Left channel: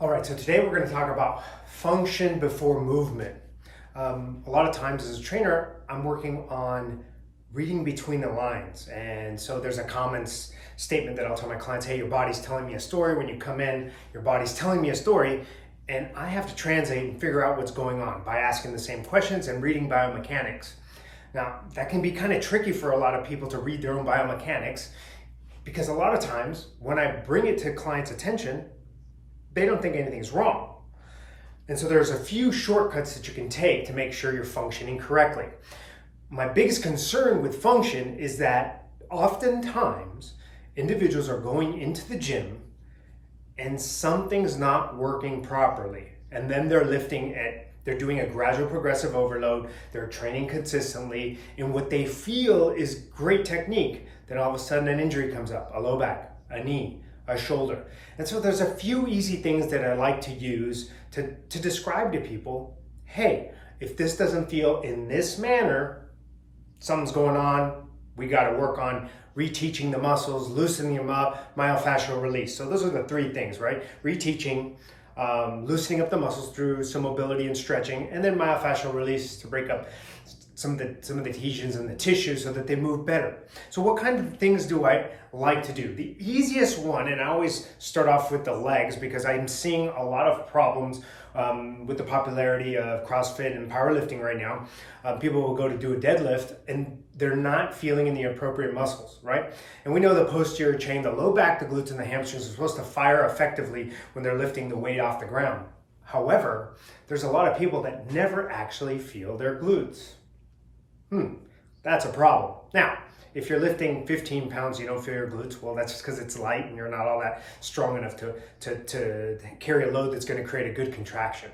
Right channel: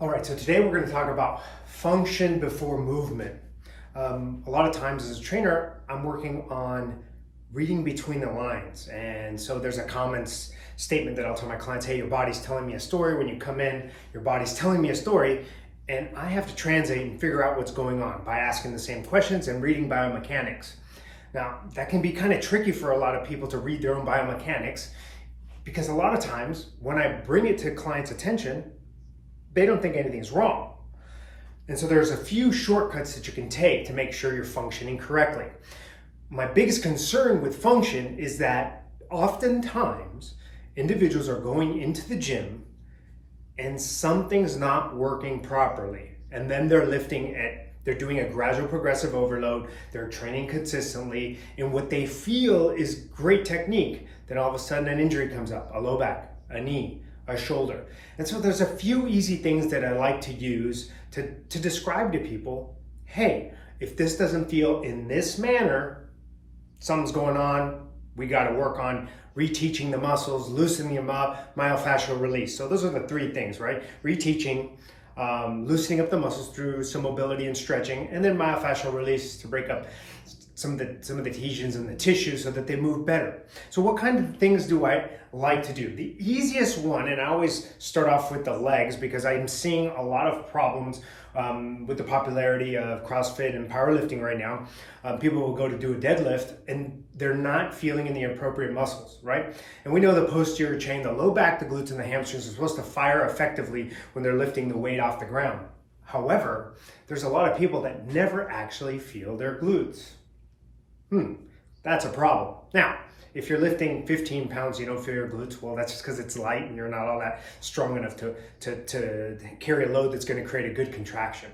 All right, so today we're going to talk about function before movement. A lot of times as a trainer, I'm working on reading between the lines. And so there's a common statement that I'll tell my clients, hey, your body's telling me a story. When you come in, your body's telling me a story. And I have to translate and figure out what's going on by asking the same questions and reading biomechanics. Now, that can be kind of tricky for a lot of people to read their own biomechanics because a lot of times when I bring it to clients' attention, they don't think anything's wrong. And so there's a few shortcuts that you can take to make sure you're functioning correctly. My biggest concern with function is that oftentimes individuals are going into the gym and something's not working properly. And then they're doing a gradual progressive overload, they're training consistently in what they feel is great technique. Then all of a sudden an injury comes up, a low back, a knee, a shoulder. And so there's a few easy things that I like to use to describe to people, hey, if this doesn't feel in this manner, something's going on, we got to work on reteaching the muscles, loosening them up, myofascial release. So those are the three things, right? Reteaching, loosening up the muscles through some mobility and stretching, and then myofascial release to break up some of the adhesions in the tissue so that they move better. So what kind of things do I like to do? The easiest one, and I always start off with the legs because I'm seeing a lot of problems with the popularity of CrossFit and powerlifting right now. People will go to do a deadlift and they're not feeling in the appropriate muscles, right? And we know the posterior chain, the low back, the glutes, and the hamstrings are supposed to fire effectively when they're lifting the weight off the ground. However, there's a lot of people that never actually feel their glutes. That's a problem. Now, if you're lifting 15 pounds, you don't feel your glutes, well, that's just because it's light and you're not all that strong enough to carry a load that's going to create a good contraction.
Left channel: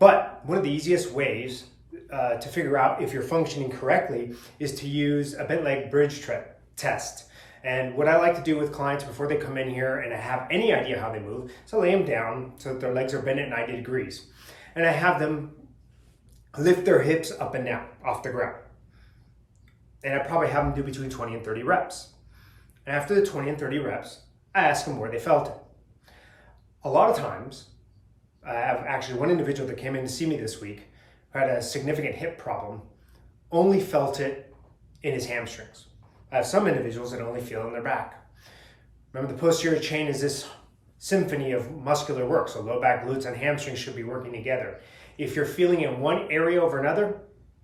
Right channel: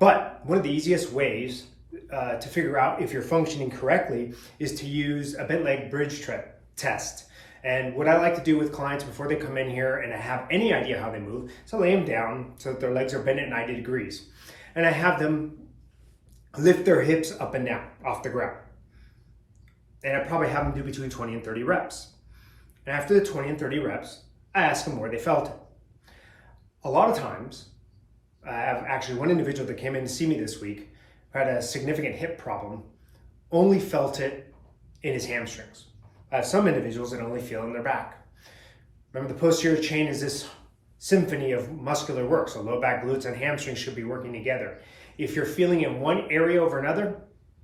But one of the easiest ways to figure out if you're functioning correctly is to use a bent leg bridge test. And what I like to do with clients before they come in here and I have any idea how they move, so I lay them down so that their legs are bent at 90 degrees. And I have them lift their hips up and down off the ground. And I probably have them do between 20 and 30 reps. And after the 20 and 30 reps, I ask them where they felt it. A lot of times, I have actually one individual that came in to see me this week who had a significant hip problem, only felt it in his hamstrings. I have some individuals that only feel it in their back. Remember, the posterior chain is this symphony of muscular work, so low back, glutes, and hamstrings should be working together. If you're feeling in one area over another,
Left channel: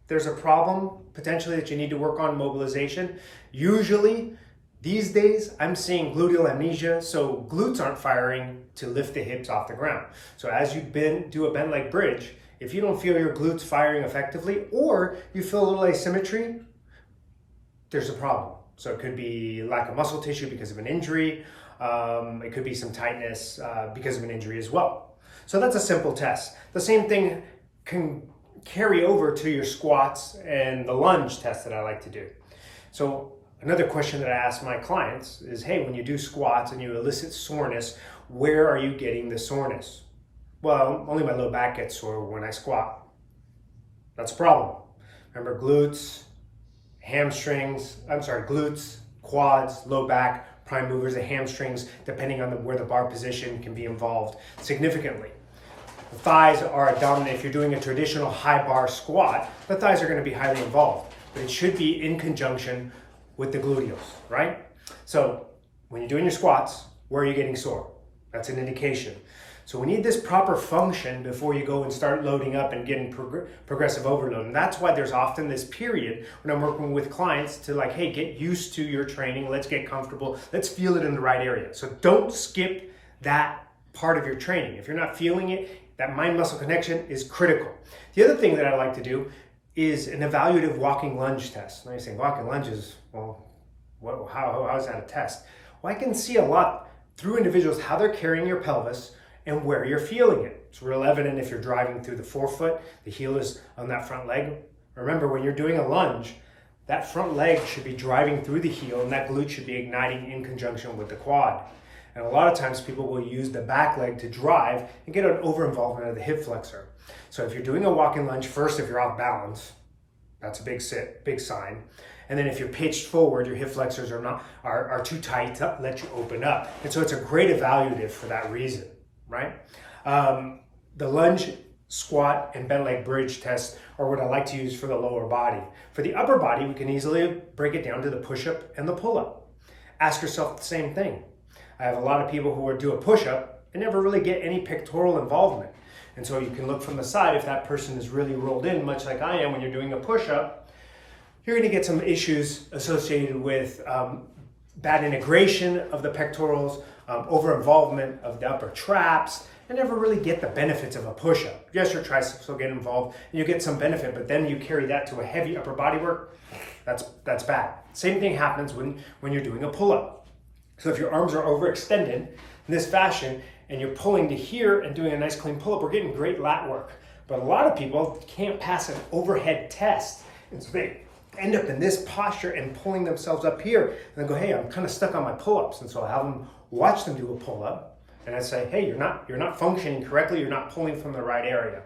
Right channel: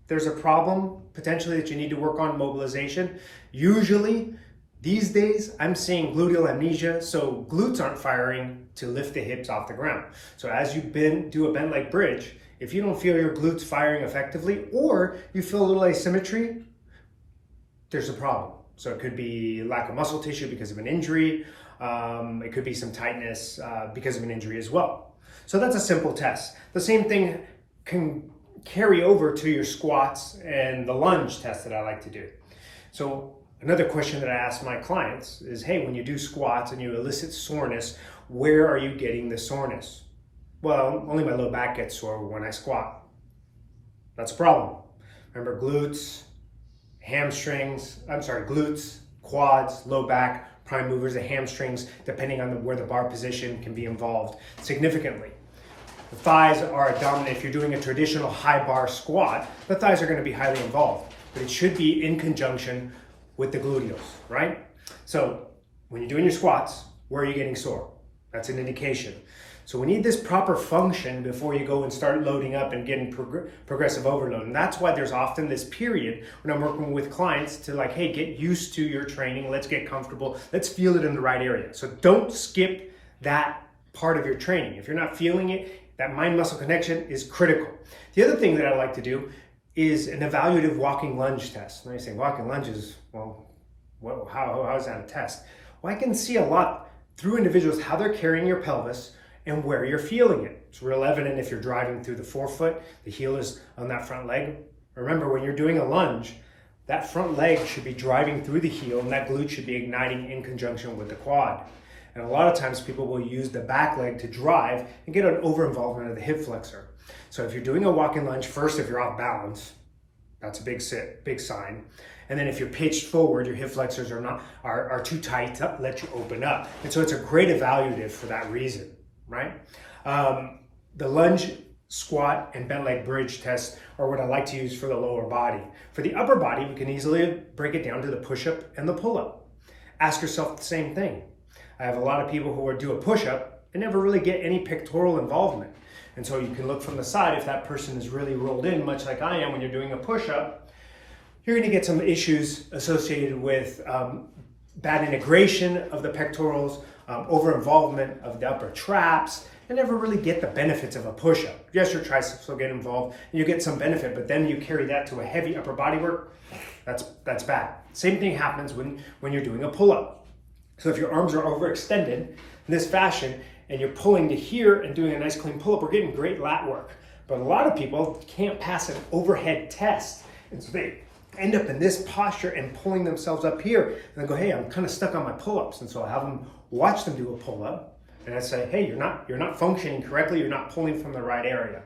there's a problem potentially that you need to work on mobilization. Usually these days I'm seeing gluteal amnesia, so glutes aren't firing to lift the hips off the ground. So as you do a bent leg bridge, if you don't feel your glutes firing effectively or you feel a little asymmetry, there's a problem. So it could be lack of muscle tissue because of an injury. It could be some tightness because of an injury as well. So that's a simple test. The same thing can carry over to your squats and the lunge test that I like to do. So another question that I ask my clients is, hey, when you do squats and you elicit soreness, where are you getting the soreness? Well, only my low back gets sore when I squat. That's a problem. Remember, glutes, quads, low back, prime movers, the hamstrings, depending on where the bar position can be involved significantly. The thighs are dominant. If you're doing a traditional high bar squat, the thighs are going to be highly involved, but it should be in conjunction with the gluteals, right? So when you're doing your squats, where are you getting sore? That's an indication. So we need this proper function before you go and start loading up and getting progressive overload. And that's why there's often this period when I'm working with clients to like, hey, get used to your training. Let's get comfortable. Let's feel it in the right area. So don't skip that part of your training. If you're not feeling it, that mind-muscle connection is critical. The other thing that I like to do is an evaluative walking lunge test. Now you're saying walking lunges, well, how is that a test? Well, I can see a lot through individuals how they're carrying your pelvis and where you're feeling it. It's real evident if you're driving through the forefoot, the heel is on that front leg. Remember, when you're doing a lunge, that front leg should be driving through the heel and that glute should be igniting in conjunction with the quad. And a lot of times people will use the back leg to drive and get an over-involvement of the hip flexor. So if you're doing a walking lunge, first, if you're off balance, that's a big sign. And then if you're pitched forward, your hip flexors are too tight to let you open up. And so it's a great evaluative for that reason. right? The lunge, squat, and bent leg bridge tests are what I like to use for the lower body. For the upper body, we can easily break it down to the push-up and the pull-up. Ask yourself the same thing. I have a lot of people who do a push-up and never really get any pectoral involvement. And so you can look from the side if that person is really rolled in, much like I am when you're doing a push-up. You're going to get some issues associated with bad integration of the pectorals, over-involvement of the upper traps, and never really get the benefits of a push-up. Yes, your triceps will get involved, and you get some benefit, but then you carry that to a heavy upper body work, that's bad. Same thing happens when you're doing a pull-up. So if your arms are overextended in this fashion, and you're pulling to here and doing a nice clean pull-up, we're getting great lat work. But a lot of people can't pass an overhead test, and so they end up in this posture and pulling themselves up here, and then go, hey, I'm kind of stuck on my pull-ups. And so I have them watch them do a pull-up, and I say, hey, you're not functioning correctly, you're not pulling from the right area.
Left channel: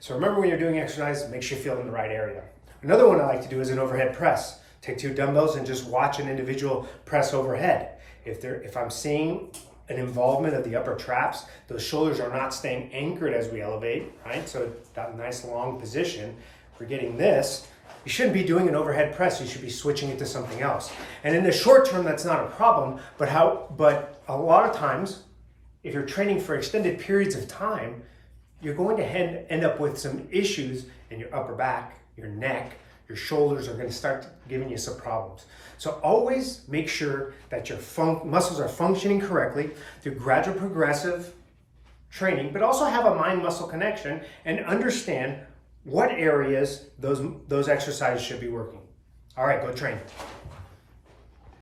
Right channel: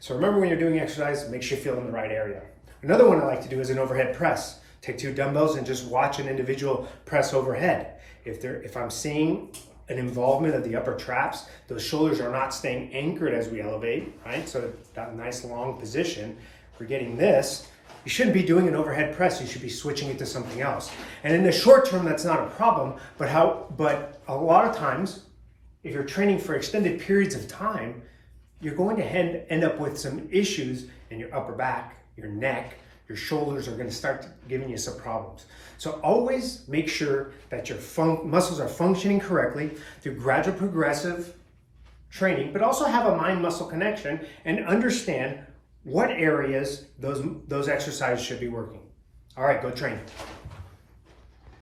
So remember, when you're doing exercise, make sure you feel in the right area. Another one I like to do is an overhead press. Take 2 dumbbells and just watch an individual press overhead. If I'm seeing an involvement of the upper traps, those shoulders are not staying anchored as we elevate, right? So that nice long position, we're getting this. You shouldn't be doing an overhead press. You should be switching it to something else. And in the short term, that's not a problem, but a lot of times, if you're training for extended periods of time, you're going to end up with some issues in your upper back, your neck, your shoulders are going to start giving you some problems. So always make sure that your muscles are functioning correctly through gradual progressive training, but also have a mind-muscle connection and understand what areas those exercises should be working. All right, go train.